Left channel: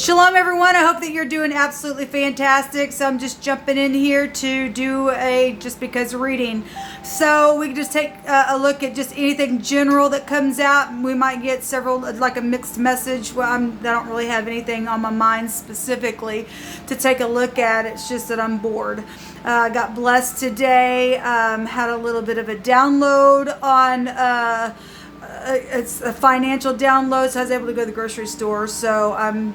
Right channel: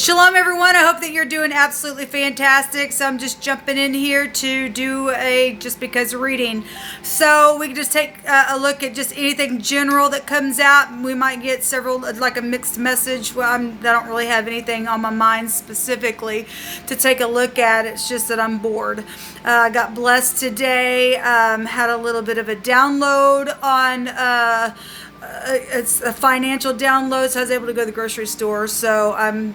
Shalom, everyone. I hope that you're doing absolutely fantastic. So I'm just jumping in here to do a just because reading. So we can just take a look at just anything general that comes out. We might get several, like a mixed message. Well, I don't really have anything on my mind specifically to take a look at. It's just that I'm bored. I got blessed today. Had a little bit of a download on it's a financial download, so I was able to go to the grocery store. So I'm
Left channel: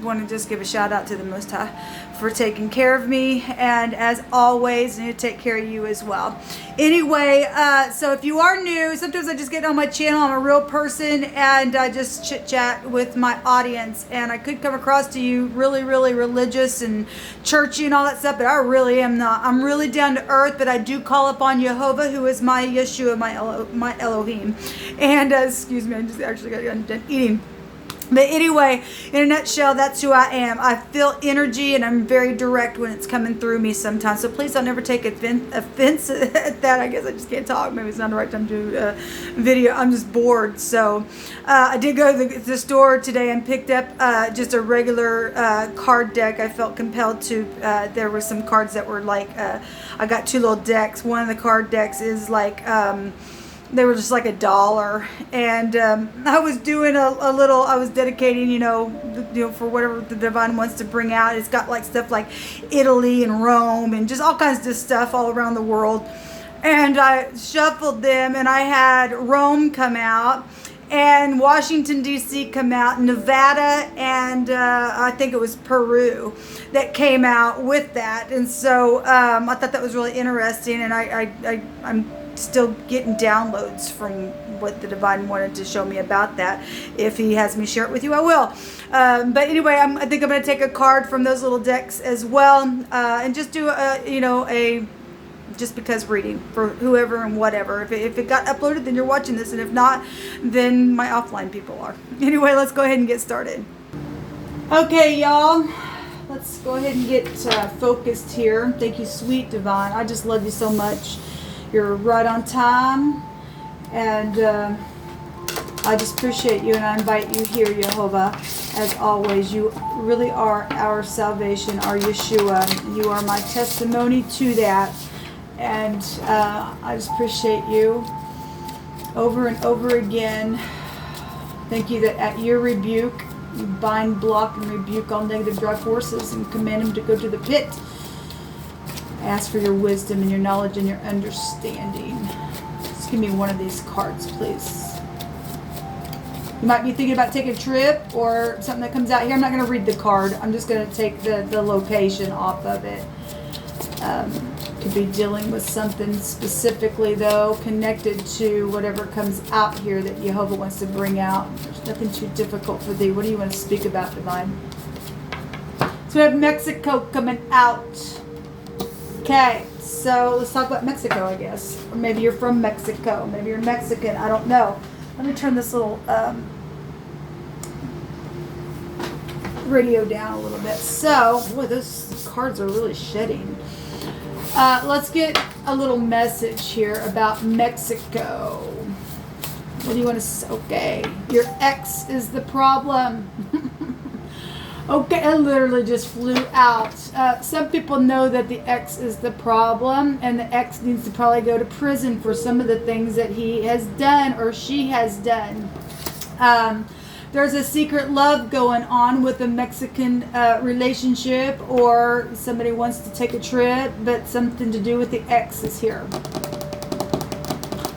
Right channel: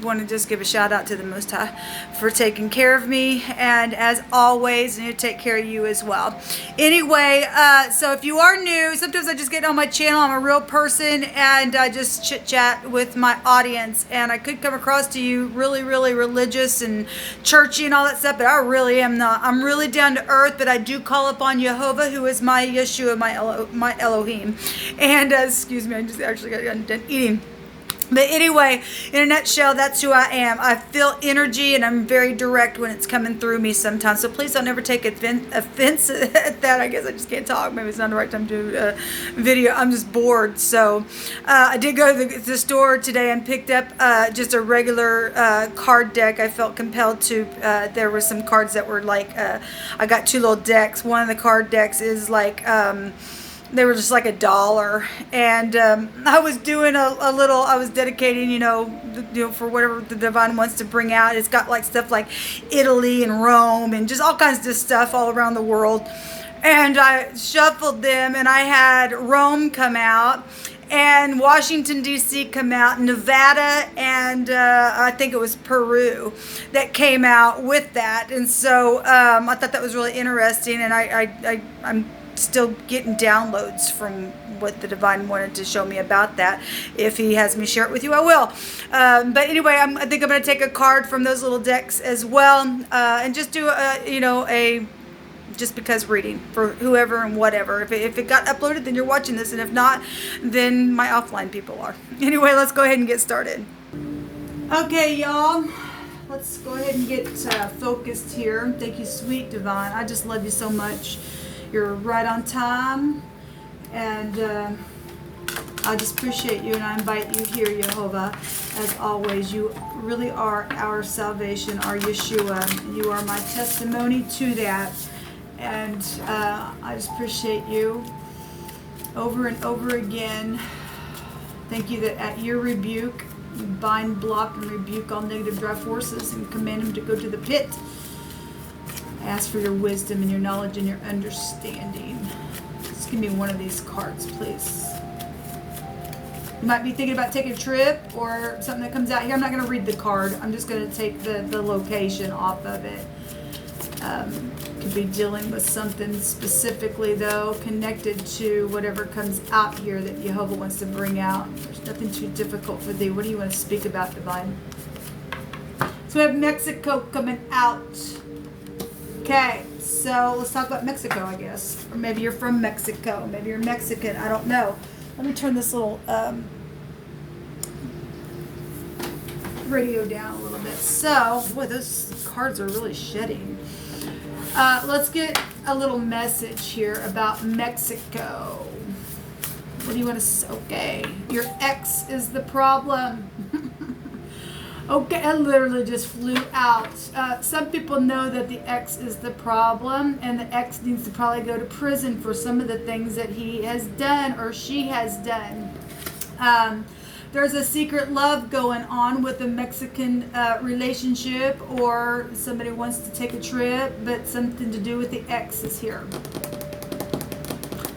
want to give a shout out to the Most High for taking care of me, and as always, I need to take care of you as well. Anyway, so if you are new, sometimes I just get on my channel. I'm a real person, and I just chit chat with my audience, and I could come across to you really, really religious and churchy and all that stuff, but I really am not. I'm really down to earth, but I do call upon Jehovah, who is my Yeshua, my Elohim. And excuse me, I just actually got done eating. But anyway, in a nutshell, that's who I am. I feel energy, and I'm very direct when it's coming through me sometimes. So please don't ever take offense at that. I guess I just can't talk. Maybe it's not the right time to do a video. I'm just bored. So I did go to the store today and picked up just a regular card deck. I felt compelled to. There were some cards that were like, I got two little decks. One of the card decks is like, they were just like $1, and I was doing a little. I was dedicating, for whatever the divine wants to bring out. It's got like stuff like Italy and Rome and just all kinds of stuff all around the world. And I shuffled them, and I had Rome come out, and Washington D.C. come out, Nevada, and I think it was Peru that came out with that. And so I thought that was really interesting, and I'm still getting downloads from what the divine wanted to show me about that. If he has me share it with you, I will. But anyway, I think I'm going to take a card from those little decks as well, and just do a just because reading for whoever and whatever. If it got uploaded, then you're watching this, and if not, then my offline people are. Anyway, let's go ahead and get started. Okay, y'all. Let's go ahead and get focused here. Thank you, sweet divine. I just love you so much. You're right on time, and I just appreciate you, and I invite you here, Jehovah. As always, you really are our salvation, our Yeshua. You are my testimony to that, and I just appreciate you over and over again. Thank you that at your rebuke, you bind, block, and rebuke all negative drive forces and command them to go to the pit. Ask for your wisdom and your knowledge and your understanding. Just give me one of these cards, please. You might be thinking about taking a trip or something that comes out here. I'm not going to read the card. I'm just going to take the location off of it. Could be dealing with something specifically, though, connected to whatever comes out here that Jehovah wants to bring out. There's nothing too difficult for thee. What do you want to speak about, divine? So we have Mexico coming out. Okay, so let's talk about Mexico, I guess. Or maybe you're from Mexico. Maybe you're Mexican. I don't know. Let me turn this little radio down a little bit. So, boy, those cards are really shedding. Let's get a little message here about Mexico. What do you want to say? Okay, your ex is the problem. Okay, it literally just flew out. Some people know that the ex is the problem, and the ex needs to probably go to prison for some of the things that he has done or she has done. There's a secret love going on with a Mexican relationship, or somebody wants to take a trip, but something to do with the ex is here.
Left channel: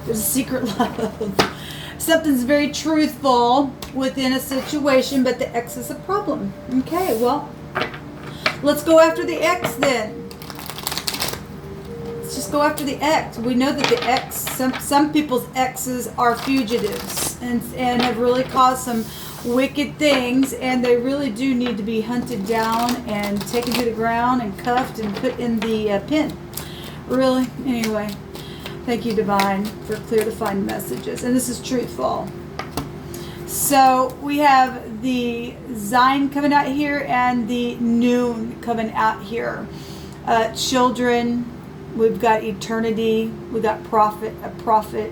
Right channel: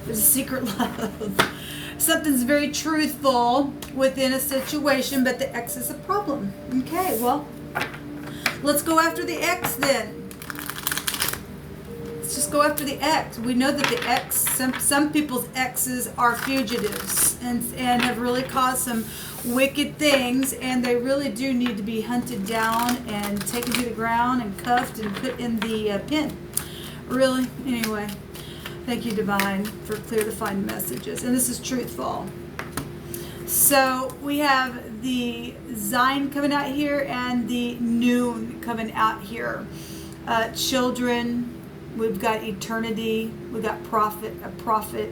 There's a secret love. Something's very truthful within a situation, but the ex is a problem. Okay, well, let's go after the ex then. Let's just go after the ex. We know that the ex, some people's exes are fugitives and have really caused some wicked things, and they really do need to be hunted down and taken to the ground and cuffed and put in the pen. Really? Anyway. Thank you, divine, for clear defined messages. And this is truthful. So we have the Zion coming out here and the Noon coming out here. Children, we've got eternity, we've got a prophet,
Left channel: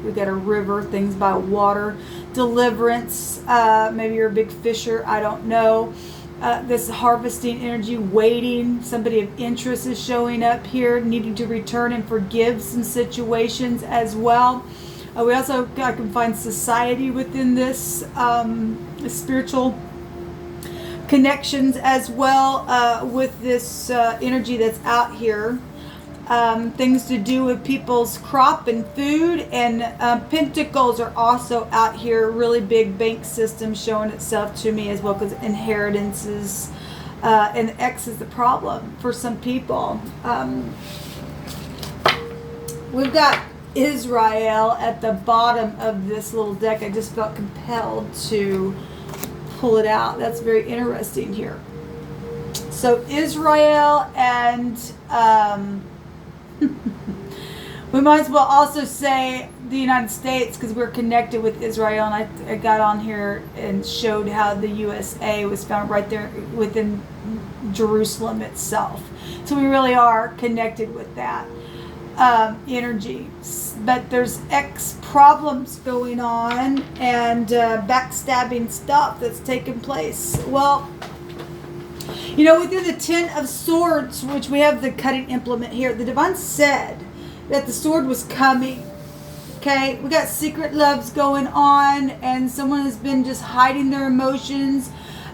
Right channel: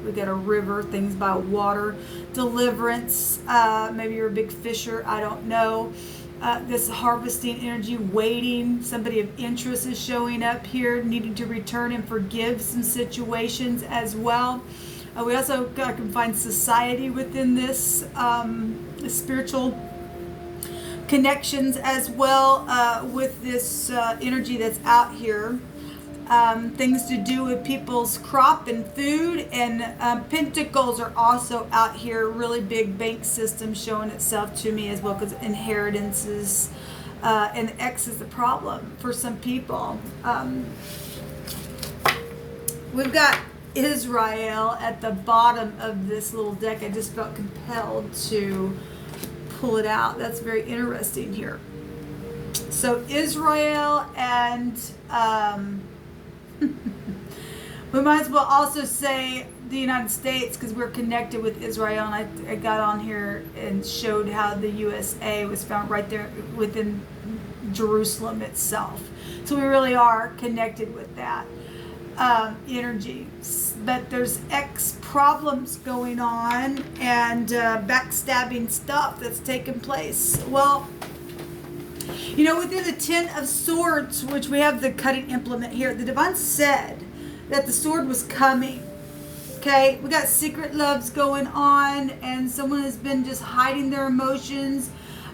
we've got a river, things by water, deliverance. Maybe you're a big fisher, I don't know. this harvesting energy, waiting. Somebody of interest is showing up here, needing to return and forgive some situations as well. We also I can find society within this, spiritual connections as well, with this energy that's out here. Things to do with people's crop and food, and pentacles are also out here. Really big bank system showing itself to me as well, because inheritances, and X is the problem for some people. We've got Israel at the bottom of this little deck. I just felt compelled to pull it out. That's very interesting here. So Israel and we might as well also say the United States, because we're connected with Israel, and I got on here and showed how the USA was found right there within Jerusalem itself. So we really are connected with that energy. But there's X problems going on, and backstabbing stuff that's taking place. Well, you know, within the Ten of Swords, which we have the cutting implement here, the Divine said that the sword was coming. Okay, we got secret loves going on, and someone has been just hiding their emotions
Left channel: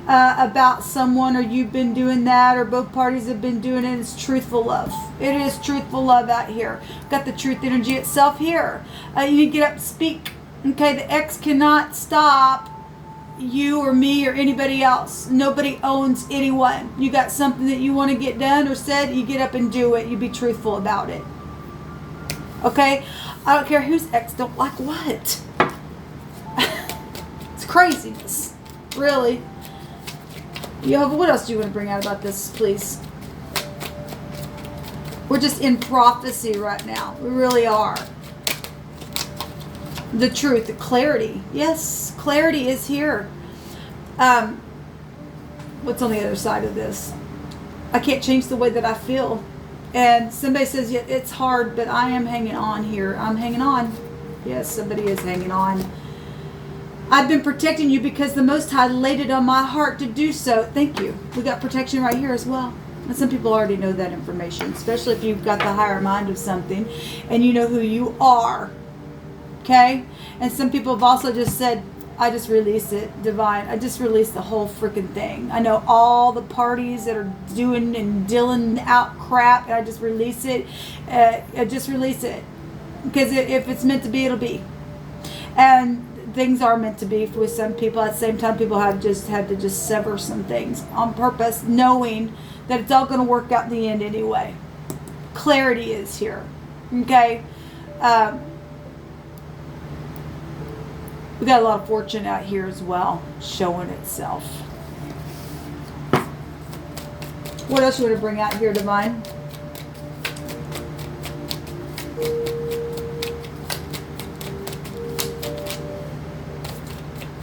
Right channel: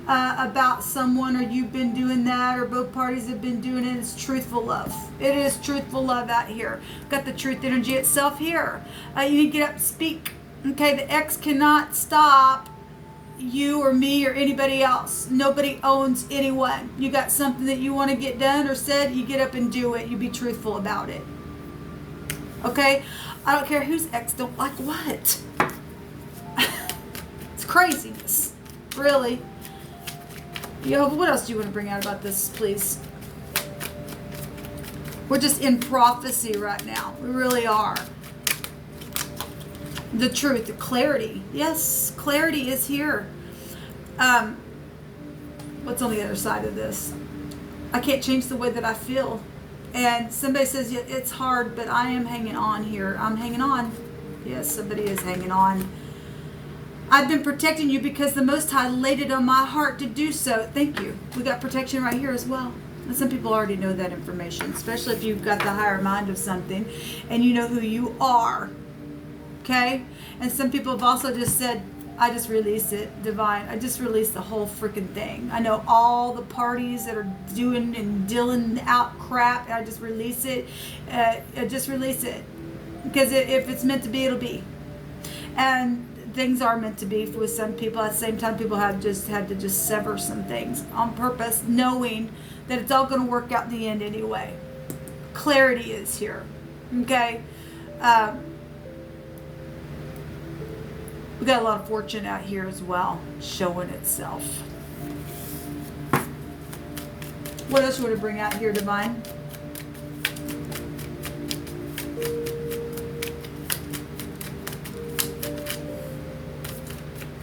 about someone, or you've been doing that, or both parties have been doing it. It's truthful love. It is truthful love out here. Got the truth energy itself here. You need to get up and speak. Okay, the X cannot stop you or me or anybody else. Nobody owns anyone. You got something that you want to get done or said, you get up and do it. You be truthful about it. Okay? I don't care whose X don't like what. It's craziness. Really. Yehovah, what else do you want to bring out about this, please? We're just in prophecy right now. We really are. The truth, the clarity. Yes, clarity is here. What's on the other side of this? I can't change the way that I feel. And somebody says, yeah, it's hard, but I am hanging on here. I'm hanging on. Yes, somebody is hanging on. I've been protecting you because the Most High laid it on my heart to do so. Thank you. We got protection right here as well. And some people already know that information, especially if you've got the higher mind of something and you know who you are. Okay? And some people have also just said, I just release it, Divine. I just release the whole freaking thing. I know all the parties that are doing and dealing out crap, and I just release it. I just release it. Because if it's meant to be, it'll be. And things are meant to be with some people. At the same time, people have just had to just sever some things on purpose, knowing that it's all going to work out in the end anyway. Clarity is here. Okay? We got a lot of fortune out here as well, showing itself. What else you want to bring out here, Divine?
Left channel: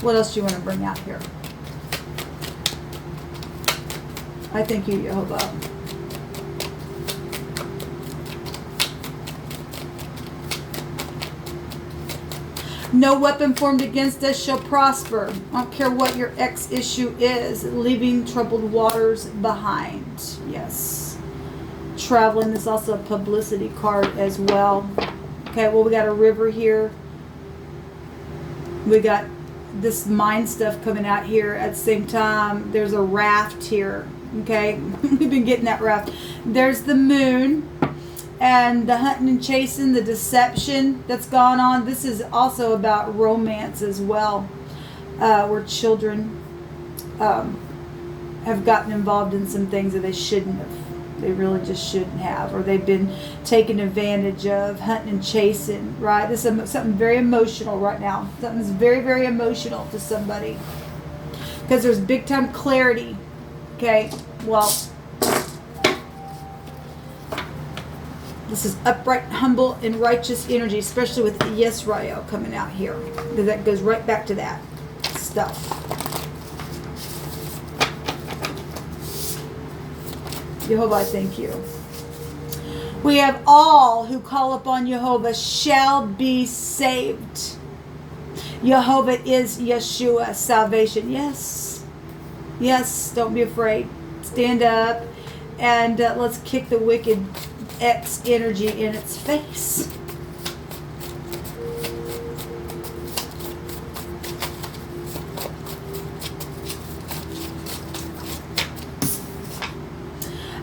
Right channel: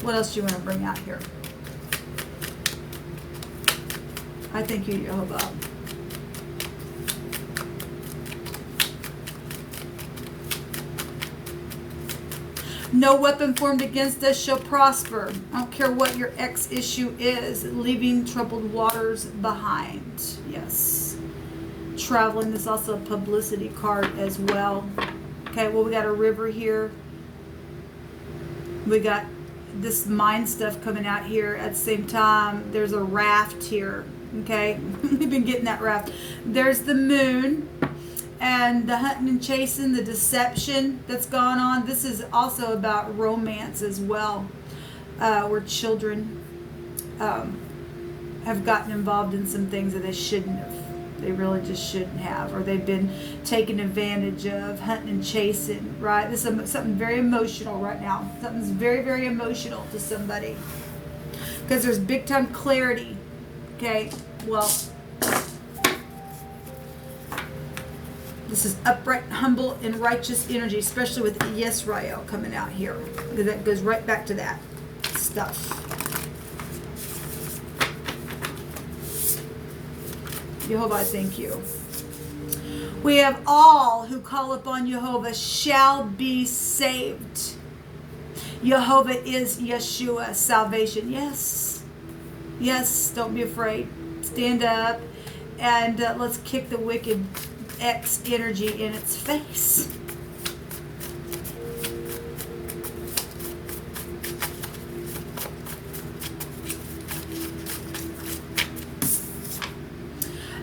What else do you want to bring out here? I thank you, Yehovah. No weapon formed against us shall prosper. I don't care what your X issue is. Leaving troubled waters behind. Yes. Traveling is also a publicity card as well. Okay, well, we got a river here. We got this mind stuff coming out here. At the same time, there's a raft here. Okay, we've been getting that raft. There's the moon. And the hunting and chasing, the deception that's gone on. This is also about romance as well, where children have gotten involved in some things that they shouldn't have. They really just shouldn't have. Or they've been taken advantage of, hunting and chasing, right? This is something very emotional right now. Something's very, very emotional to somebody. Because there's big time clarity. Okay, well, this is upright, humble, and righteous energy, especially with Yisrael coming out here. Because that goes right back to that stuff. Yehovah, I thank you. We have all who call upon Yehovah shall be saved. Yehovah is Yeshua, salvation. Yes. Yes, don't be afraid. Stand up and let's kick the wicked X energy in its face.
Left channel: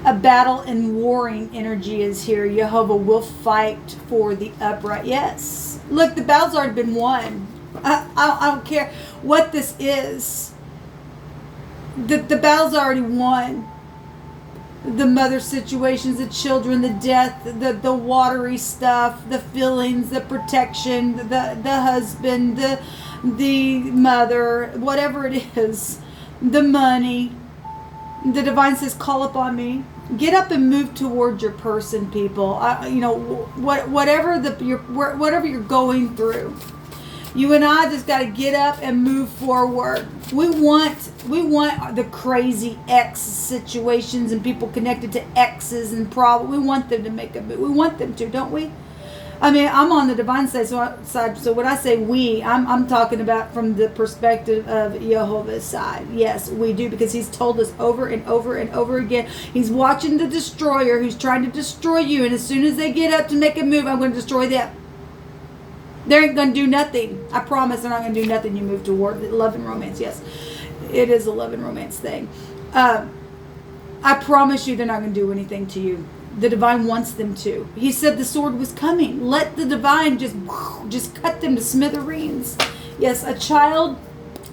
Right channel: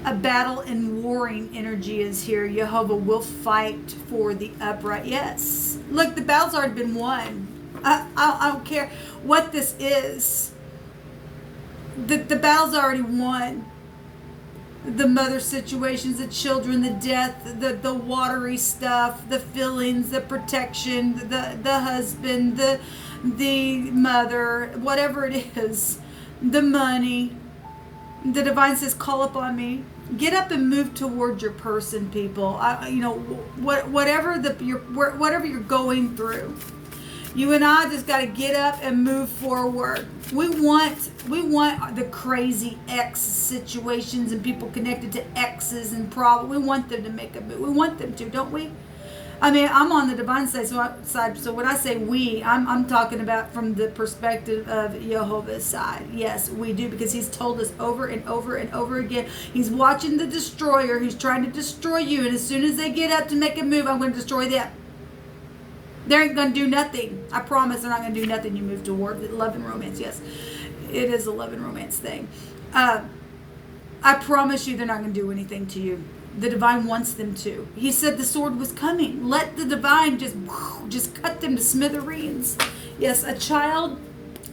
A battle and warring energy is here. Jehovah will fight for the upright. Yes. Look, the battle's already been won. I don't care what this is. The battle's already won. The mother situations, the children, the death, the watery stuff, the feelings, the protection, the husband, the mother, whatever it is, the money. The divine says, call upon me. Get up and move toward your person, people. Whatever you're going through, you and I just got to get up and move forward. We want the crazy X situations and people connected to X's and problems. We want them to make a move. We want them to, don't we? I mean, I'm on the divine side, so when I say we, I'm talking about from the perspective of Jehovah's side. Yes, we do, because he's told us over and over and over again. He's watching the destroyer who's trying to destroy you, and as soon as they get up to make a move, I'm going to destroy them. They ain't going to do nothing. I promise they're not going to do nothing. You move toward love and romance. Yes, it is a love and romance thing. I promise you they're not going to do anything to you. The divine wants them to. He said the sword was coming. Let the divine just cut them to smithereens. Yes, a child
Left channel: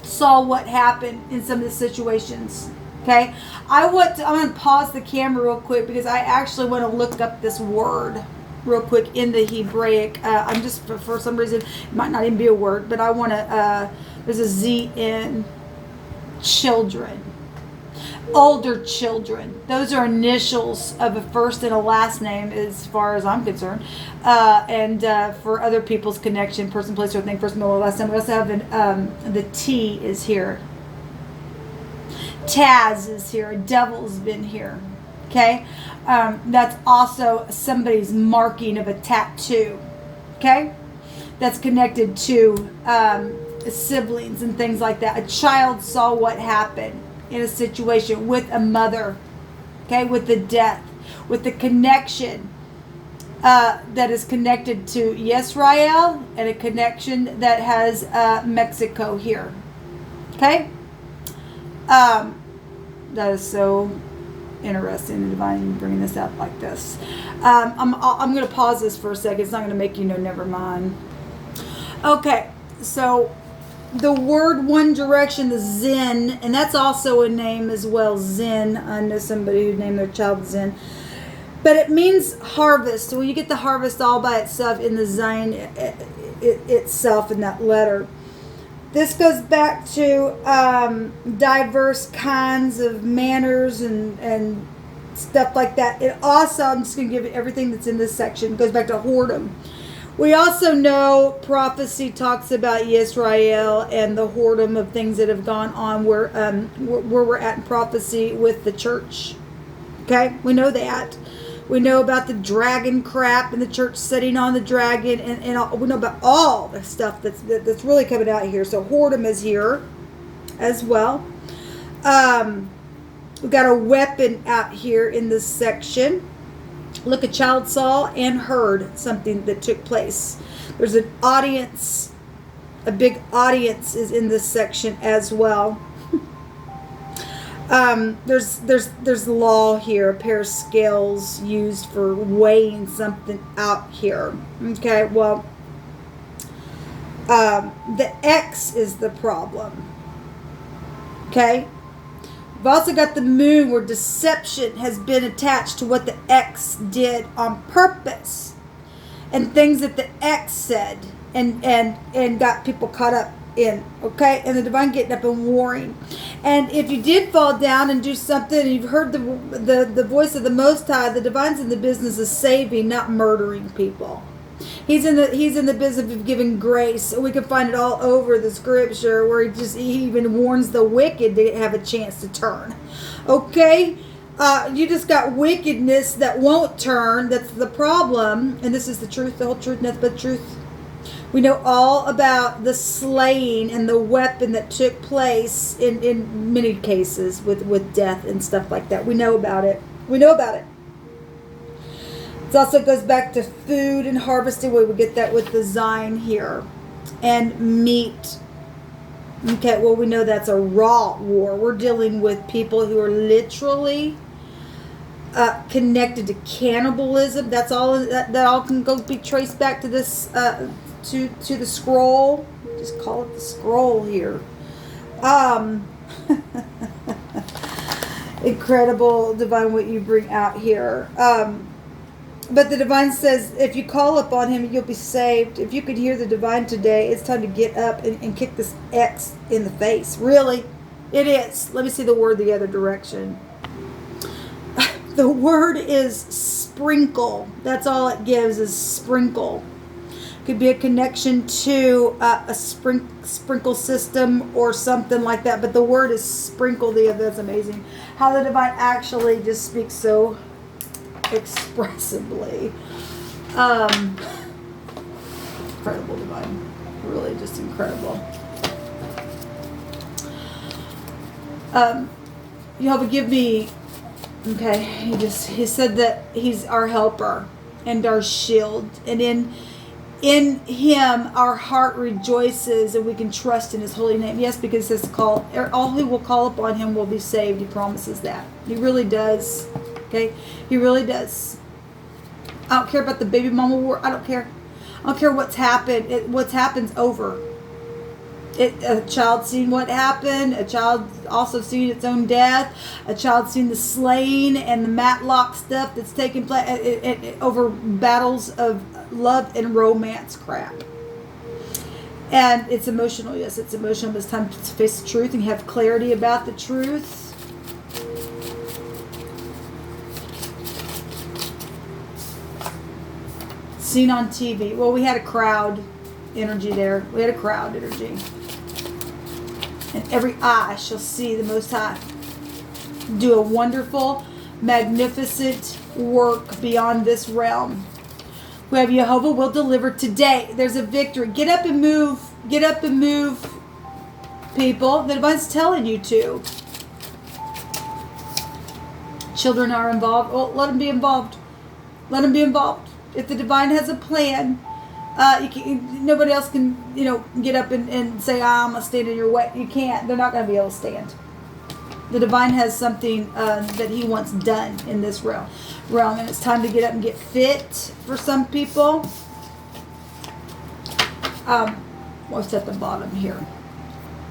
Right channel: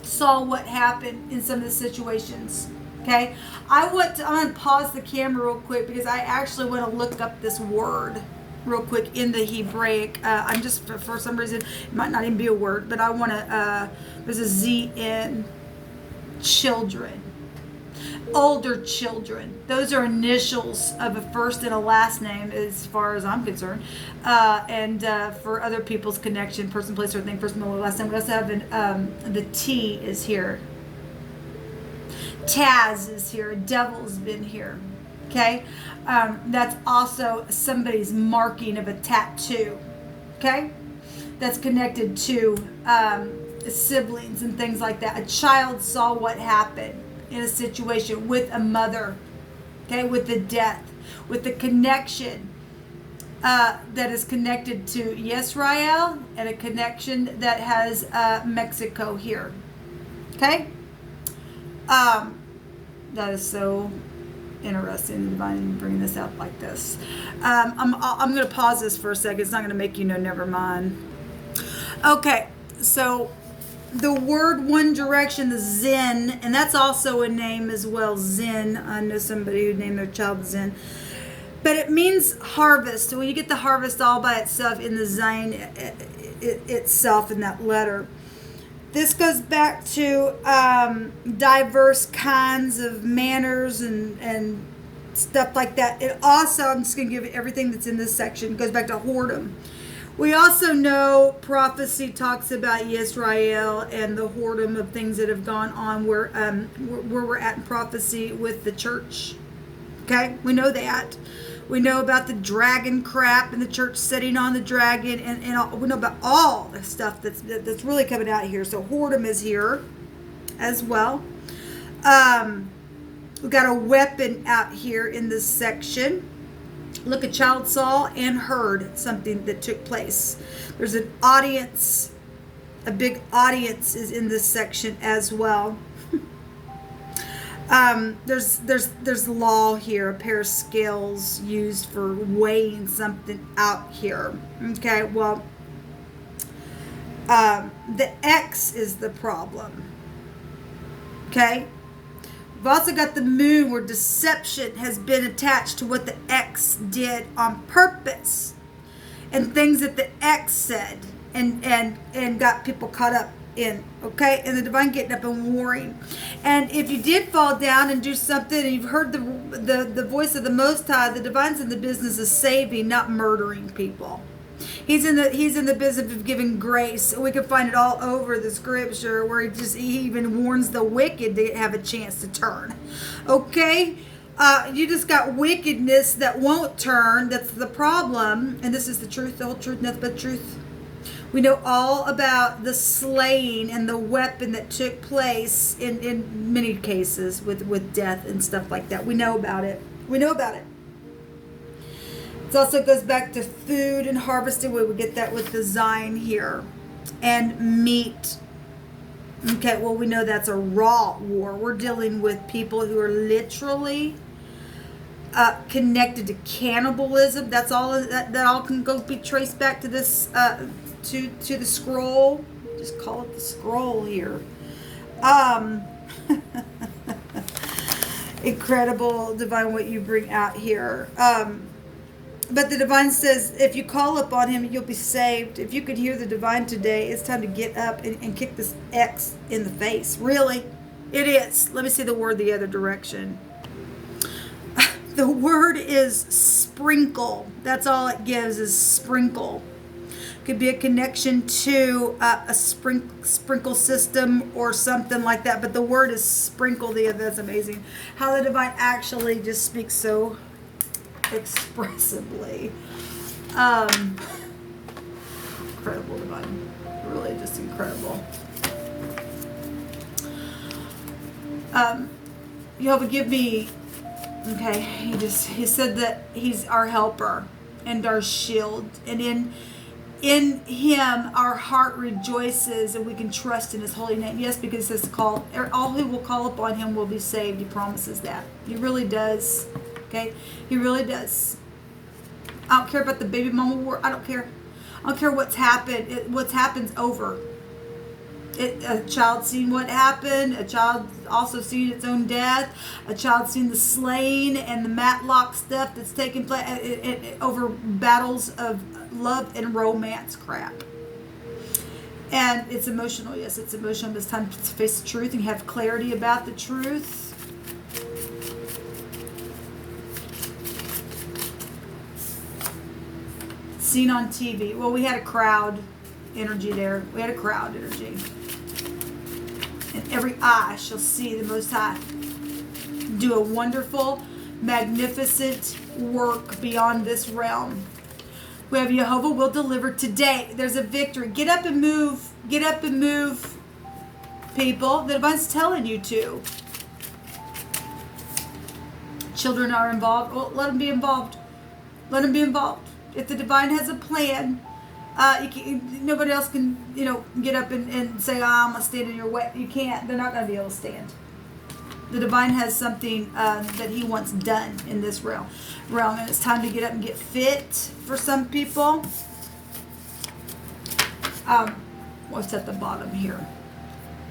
saw what happened in some of the situations. Okay, I'm going to pause the camera real quick because I actually want to look up this word real quick in the Hebraic. I'm just, for some reason, it might not even be a word, but I want to, there's a Z in children. Older children. Those are initials of a first and a last name as far as I'm concerned. And for other people's connection, person, place, or thing, first, middle, or last name. We also have the T is here. Taz is here. Devil's been here. Okay? That's also somebody's marking of a tattoo. Okay? That's connected to siblings and things like that. A child saw what happened in a situation with a mother, okay, with the death, with the connection that is connected to Yisrael, and a connection that has Mexico here, okay. That is so interesting, the divine bringing this up like this. I'm going to pause this for a second. It's not going to make you know. Never mind. Okay, so. The word One Direction, the Zen, and that's also a name as well, Zen. I know somebody who named their child Zen. But it means harvest. When you get the harvest all by itself in the Zen itself in that letter. This goes back to diverse kinds of manners and stuff like that. It also, I'm just going to give you everything that's in this section. It goes back to whoredom. We also know prophecy talks about Yisrael and the whoredom of things that have gone on where we're at in prophecy with the church. Okay, we know that. We know about the dragon crap and the church sitting on the dragon, and all, we know about all the stuff that's really coming out here. So whoredom is here as well. We've got a weapon out here in this section. Look, a child saw and heard something that took place. There's an audience, a big audience is in this section as well. There's law here, a pair of scales used for weighing something out here. Okay, well, the X is the problem. Okay. We've also got the moon where deception has been attached to what the X did on purpose, and things that the X said and got people caught up in, okay? And the divine getting up and warring. And if you did fall down and do something, and you've heard the voice of the Most High, the divine's in the business of saving, not murdering people. He's in the business of giving grace. We can find it all over the scripture where he even warns the wicked to have a chance to turn. Okay? You just got wickedness that won't turn. That's the problem. And this is the truth, the whole truth, nothing but truth. We know all about the slaying and the weapon that took place in many cases with death and stuff like that. We know about it. We know about it. It also goes back to food and harvesting. We get that with the Zion here. And meat. Okay, well, we know that's a raw war. We're dealing with people who are literally connected to cannibalism. That's all. That all can go be traced back to this to the scroll. Just call it the scroll here. Incredible, divine, what you bring out here. But the divine says, if you call upon him, you'll be saved. If you could hear the divine today, it's time to get up and kick this X in the face. Really? It is. Let me see the word the other direction. The word is sprinkle. That's all it gives is sprinkle. Could be a connection to a sprinkle system or something like that. But the word is sprinkle. That's amazing. How the divine actually just speaks so expressively. Incredible divine. Really just incredible. Jehovah, give me, okay, he said that he's our helper and our shield, and in him our heart rejoices, and we can trust in his holy name. Yes, because it says all who will call upon him will be saved. He promises that. He really does. Okay, he really does. I don't care about the baby mama war. I don't care. I don't care what's happened. What's happened's over. A child seen what happened. A child also seen its own death. A child seen the slaying and the Matlock stuff that's taking place over battles of love and romance crap. And it's emotional. Yes, it's emotional. But it's time to face the truth and have clarity about the truth. Seen on TV. Well, we had a crowd energy there. We had a crowd energy. And every eye shall see the Most High do a wonderful, magnificent work beyond this realm. We have Jehovah will deliver today. There's a victory. Get up and move. Get up and move, people. The divine's telling you to. Children are involved. Oh, let them be involved. Let them be involved. If the divine has a plan, nobody else can, get up and say, I'm going to stand in your way. You can't. They're not going to be able to stand. The divine has something that he wants done in this realm. And it's time to get up and get fit for some people. What's at the bottom here?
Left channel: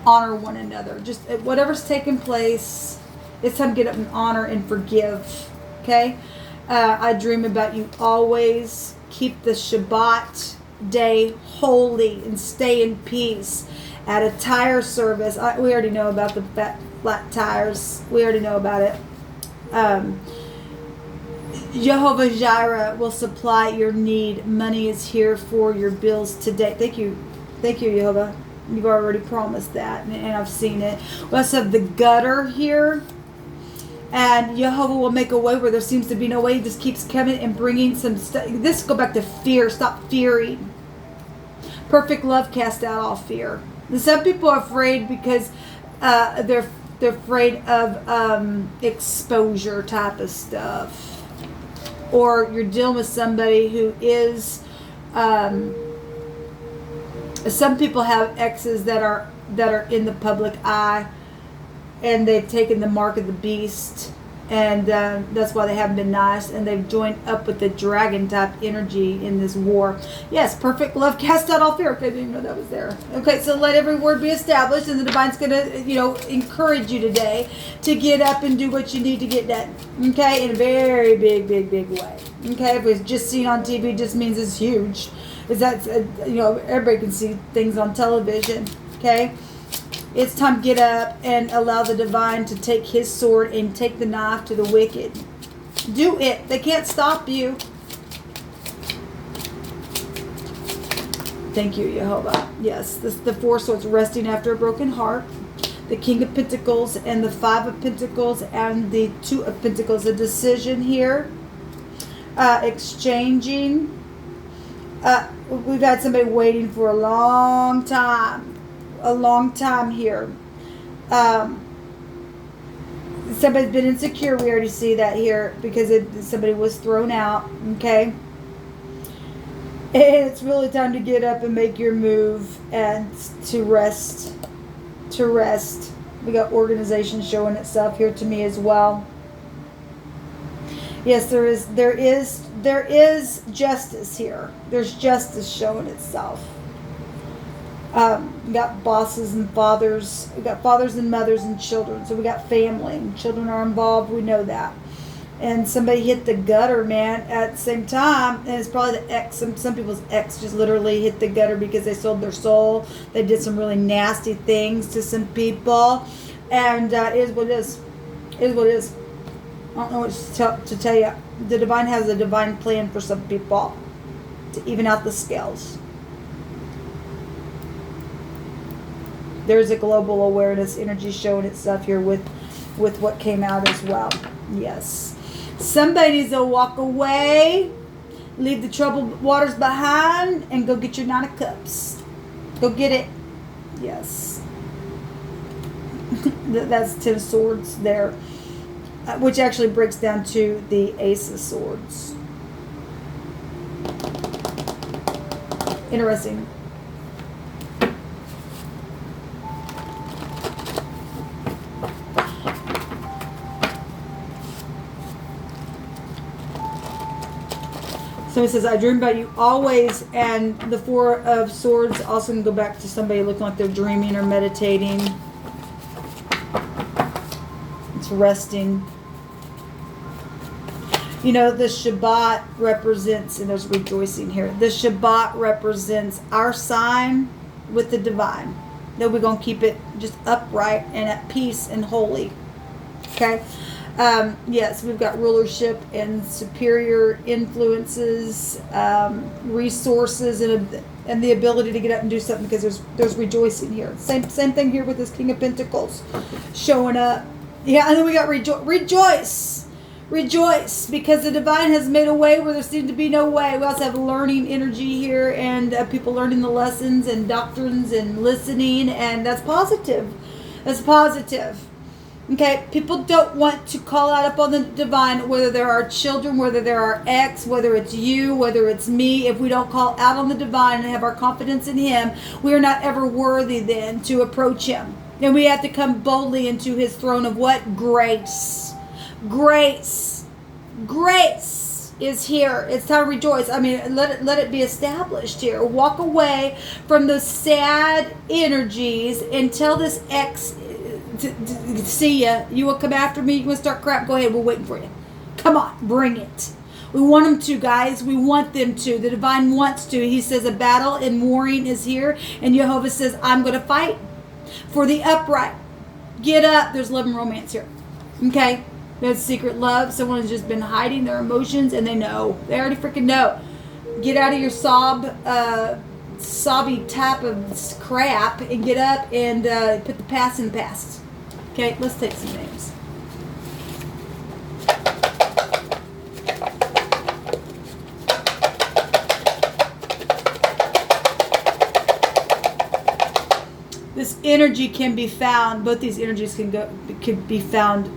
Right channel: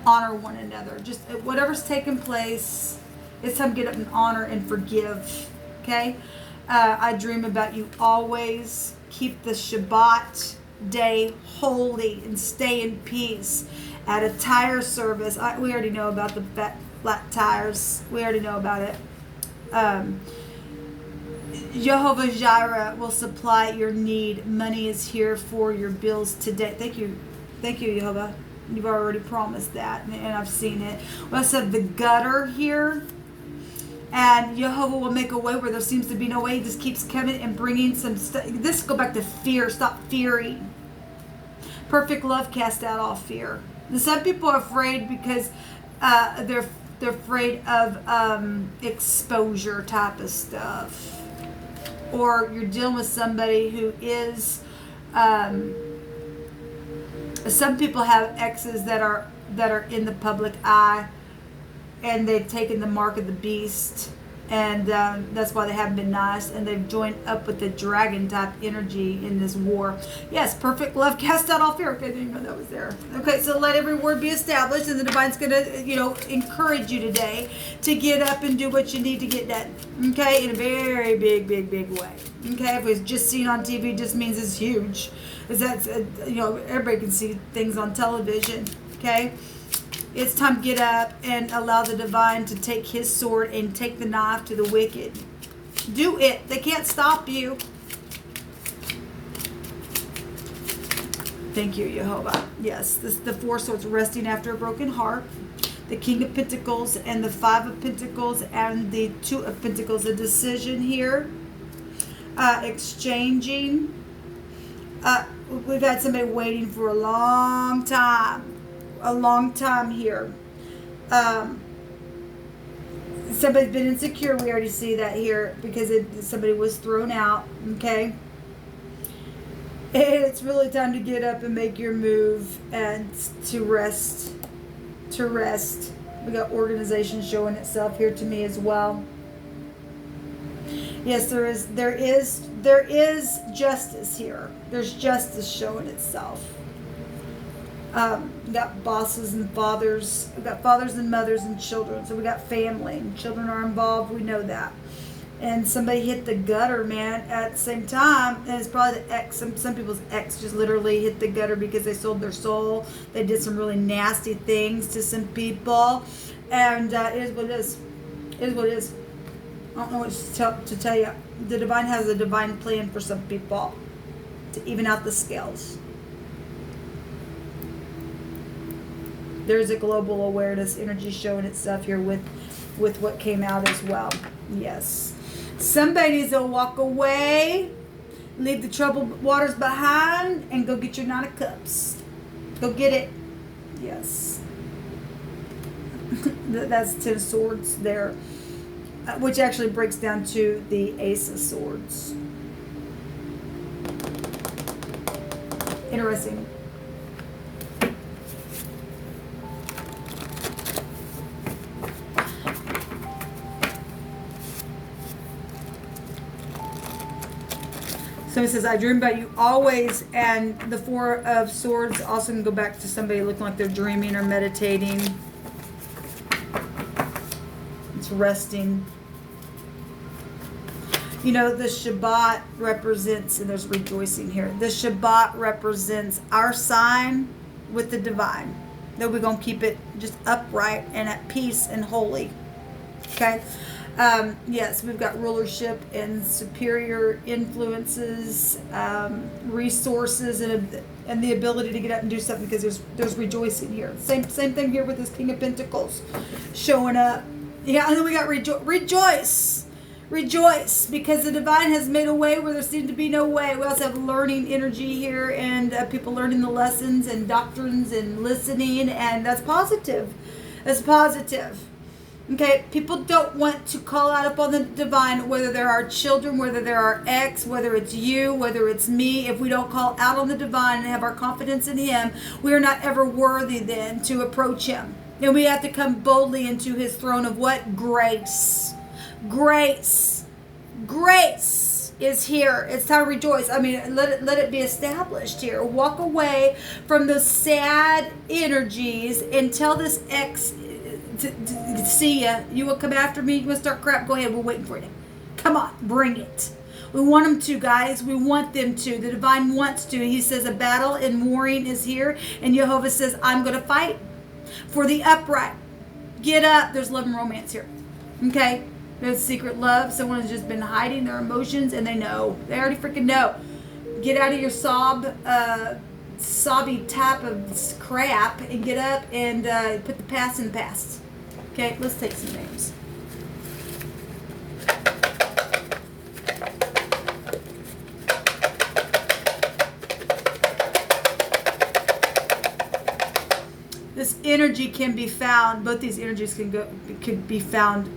Honor one another. Just whatever's taking place, it's time to get up and honor and forgive. Okay? I dream about you always. Keep the Shabbat day holy and stay in peace. At a tire service, we already know about the flat tires. We already know about it. Jehovah Jireh will supply your need. Money is here for your bills today. Thank you, Jehovah. You've already promised that, and I've seen it. We also have the gutter here. And Jehovah will make a way where there seems to be no way. He just keeps coming and bringing some stuff. This go back to fear. Stop fearing. Perfect love casts out all fear. And some people are afraid because they're afraid of exposure type of stuff. Or you're dealing with somebody who is. Some people have exes that are in the public eye. And they've taken the mark of the beast, and that's why they haven't been nice, and they've joined up with the dragon type energy in this war. Yes, perfect love cast out all fear. Okay, I didn't even know that was there. Okay, so let every word be established, and the divine's going to, encourage you today to get up and do what you need to get done. Okay, in a very big, big, big way. Okay, if it's just seen on TV, it just means it's huge. Is that everybody can see things on television. Okay. It's time to get up and allow the divine to take his sword and take the knife to the wicked. Do it. They can't stop you. Thank you, Jehovah. Yes, the four swords resting after a broken heart. The King of Pentacles and the Five of Pentacles and the Two of Pentacles. A decision here. Exchanging. We've had somebody waiting for a long time here. Somebody's been insecure. We already see that here because somebody was thrown out. Okay. And it's really time to get up and make your move and to rest. We got organization showing itself here to me as well. Yes, there is justice here. There's justice showing itself. We got bosses and fathers. We got fathers and mothers and children. So we got family and children are involved. We know that. And somebody hit the gutter, man, at the same time. And it's probably the ex. Some people's ex just literally hit the gutter because they sold their soul. They did some really nasty things to some people. And it is what it is. It is what it is. I don't know what to tell you. The divine has a divine plan for some people to even out the scales. There's a global awareness energy showing itself here with what came out as well. Yes. Somebody needs to walk away, leave the troubled waters behind, and go get your 9 of Cups. Go get it. Yes. That's 10 of Swords there. Which actually breaks down to the Ace of Swords. Interesting. Somebody says, I dream about you always, and the 4 of Swords also can go back to somebody looking like they're dreaming or meditating. It's resting. You know, the Shabbat represents, and there's rejoicing here, the Shabbat represents our sign with the divine. That we're going to keep it just upright and at peace and holy. Okay? Yes, we've got rulership and superior influences, resources, and the ability to get up and do something because there's rejoicing here. Same thing here with this King of Pentacles showing up. Yeah, and then we got rejoice. Rejoice, because the divine has made a way where there seemed to be no way. We also have learning energy here and people learning the lessons and doctrines and listening, and that's positive. That's positive. Okay, people don't want to call out upon the divine, whether they're our children, whether they're our ex, whether it's you, whether it's me. If we don't call out on the divine and have our confidence in him, we are not ever worthy then to approach him. And we have to come boldly into his throne of what? Grace. Grace is here. It's time to rejoice. I mean, let it be established here. Walk away from those sad energies and tell this ex to see ya. You will come after me. You want to start crap? Go ahead. We're waiting for you. Come on, bring it. We want them to, guys. We want them to. The divine wants to. He says a battle and warring is here, and Jehovah says, I'm going to fight for the upright. Get up. There's love and romance here. Okay. There's secret love. Someone has just been hiding their emotions, and they know. They already freaking know. Get out of your sobby type of crap and get up and put the past in the past. Okay, let's take some names. This energy can be found. Both these energies can be found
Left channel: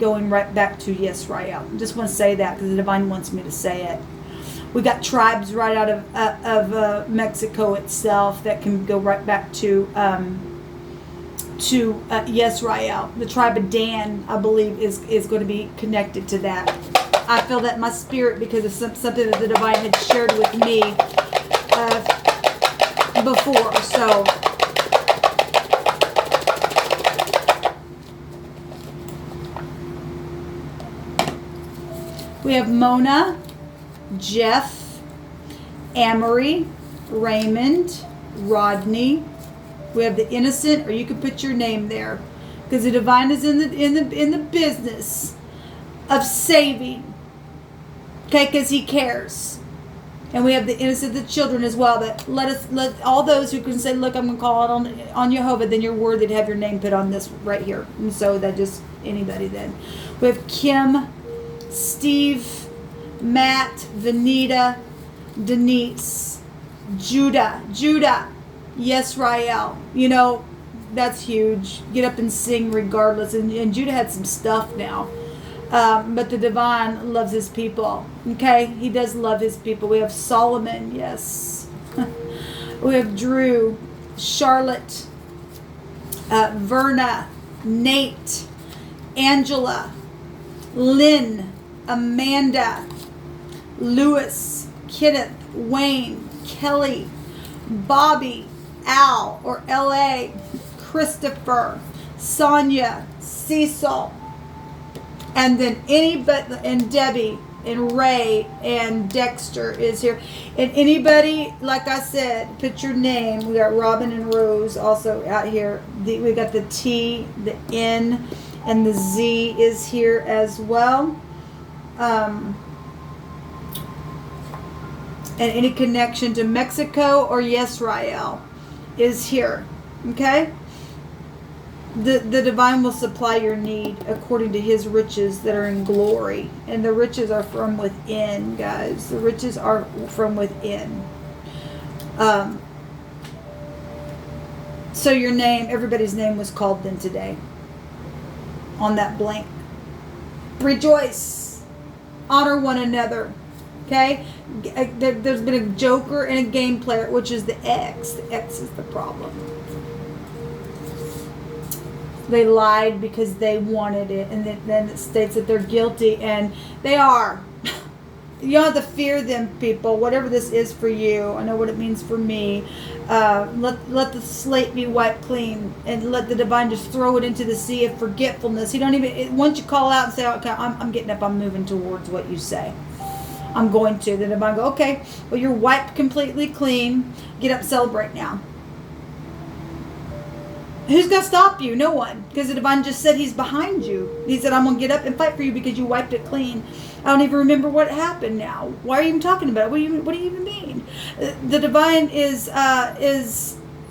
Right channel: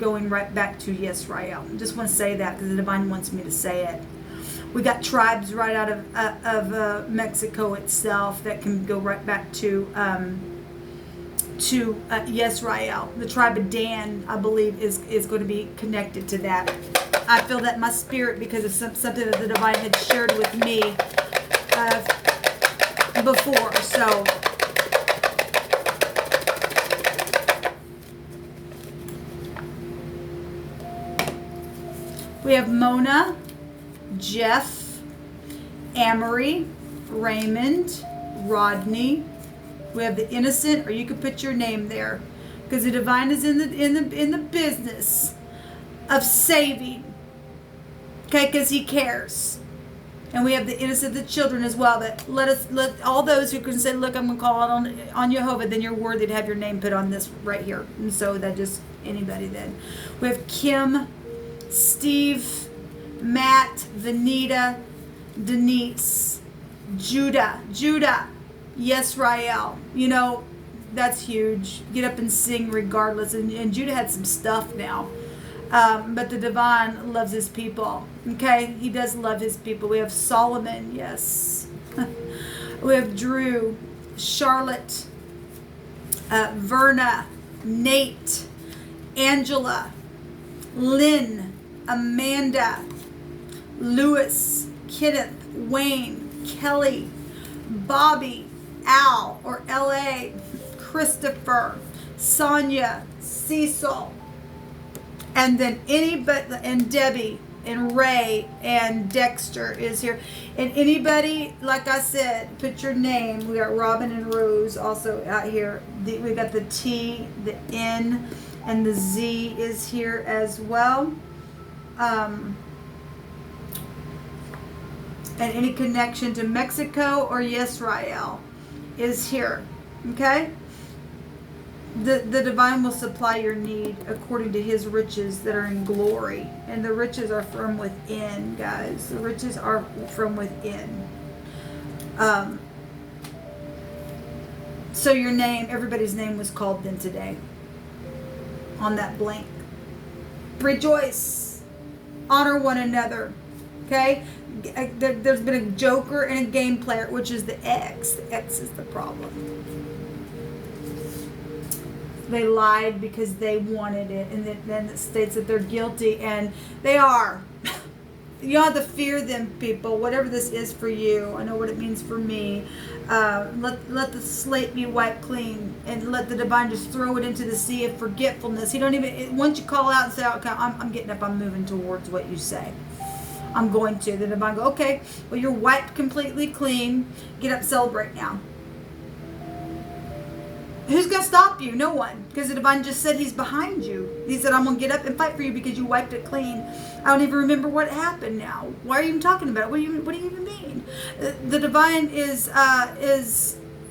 going right back to Yisrael. I just want to say that because the divine wants me to say it. We got tribes right out of Mexico itself that can go right back to Yisrael. The tribe of Dan, I believe, is going to be connected to that. I feel that in my spirit because of something that the divine had shared with me before. So. We have Mona, Jeff, Amory, Raymond, Rodney. We have the innocent, or you could put your name there, because the divine is in the business of saving. Okay, because he cares. And we have the innocent, the children as well. That let all those who can say, look, I'm going to call it on Jehovah, then you're worthy to have your name put on this right here. And so that just anybody then. We have Kim, Steve, Matt, Vanita, Denise, Judah, Yisrael. You know, that's huge. Get up and sing regardless. And Judah had some stuff now. But the divine loves his people. Okay? He does love his people. We have Solomon, yes. We have Drew, Charlotte, Verna, Nate, Angela, Lynn, Amanda, Lewis, Kenneth, Wayne, Kelly, Bobby, Al or L.A., Christopher, Sonia, Cecil, and then anybody, and Debbie, and Ray, and Dexter is here. And anybody, like I said, put your name. We got Robin and Rose also out here. We got the T, the N, and the Z is here as well. And any connection to Mexico or Yisrael is here. Okay? The divine will supply your need according to his riches that are in glory. And the riches are from within, guys. The riches are from within. So your name, everybody's name was called then today. On that blank. Rejoice. Honor one another. Okay? There's been a joker and a game player, which is the X. The X is the problem. They lied because they wanted it, and then it states that they're guilty, and they are. You don't have to fear them, people. Whatever this is for you, I know what it means for me. Let the slate be wiped clean, and let the divine just throw it into the sea of forgetfulness. You don't even, once you call out and say, okay, I'm getting up, I'm moving towards what you say. I'm going to. The divine go, okay, well, you're wiped completely clean. Get up, celebrate now. Who's going to stop you? No one. Because the divine just said he's behind you. He said, I'm going to get up and fight for you because you wiped it clean. I don't even remember what happened now. Why are you even talking about it? What do you even mean? The divine is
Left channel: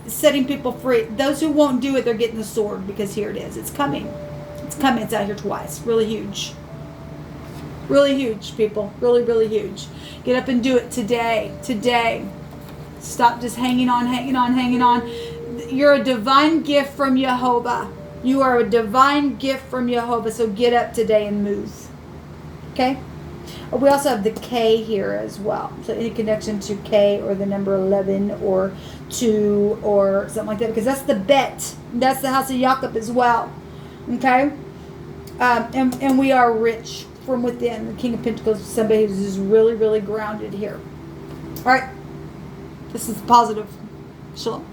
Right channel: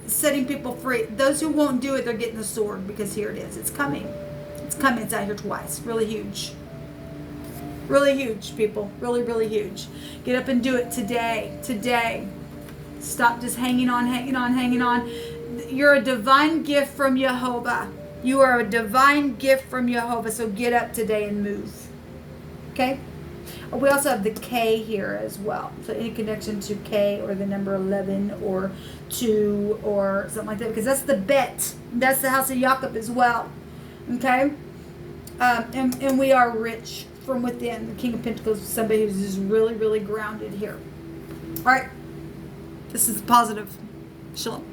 setting people free. Those who won't do it, they're getting the sword, because here it is. It's coming. It's coming. It's out here twice. Really huge. Really huge, people. Really, really huge. Get up and do it today. Today. Stop just hanging on, hanging on, hanging on. You're a divine gift from Jehovah. You are a divine gift from Jehovah. So get up today and move. Okay? We also have the K here as well. So any connection to K or the number 11 or 2 or something like that. Because that's the bet. That's the house of Jacob as well. Okay? And we are rich from within. The King of Pentacles is somebody who's just really, really grounded here. All right. This is positive. Shalom.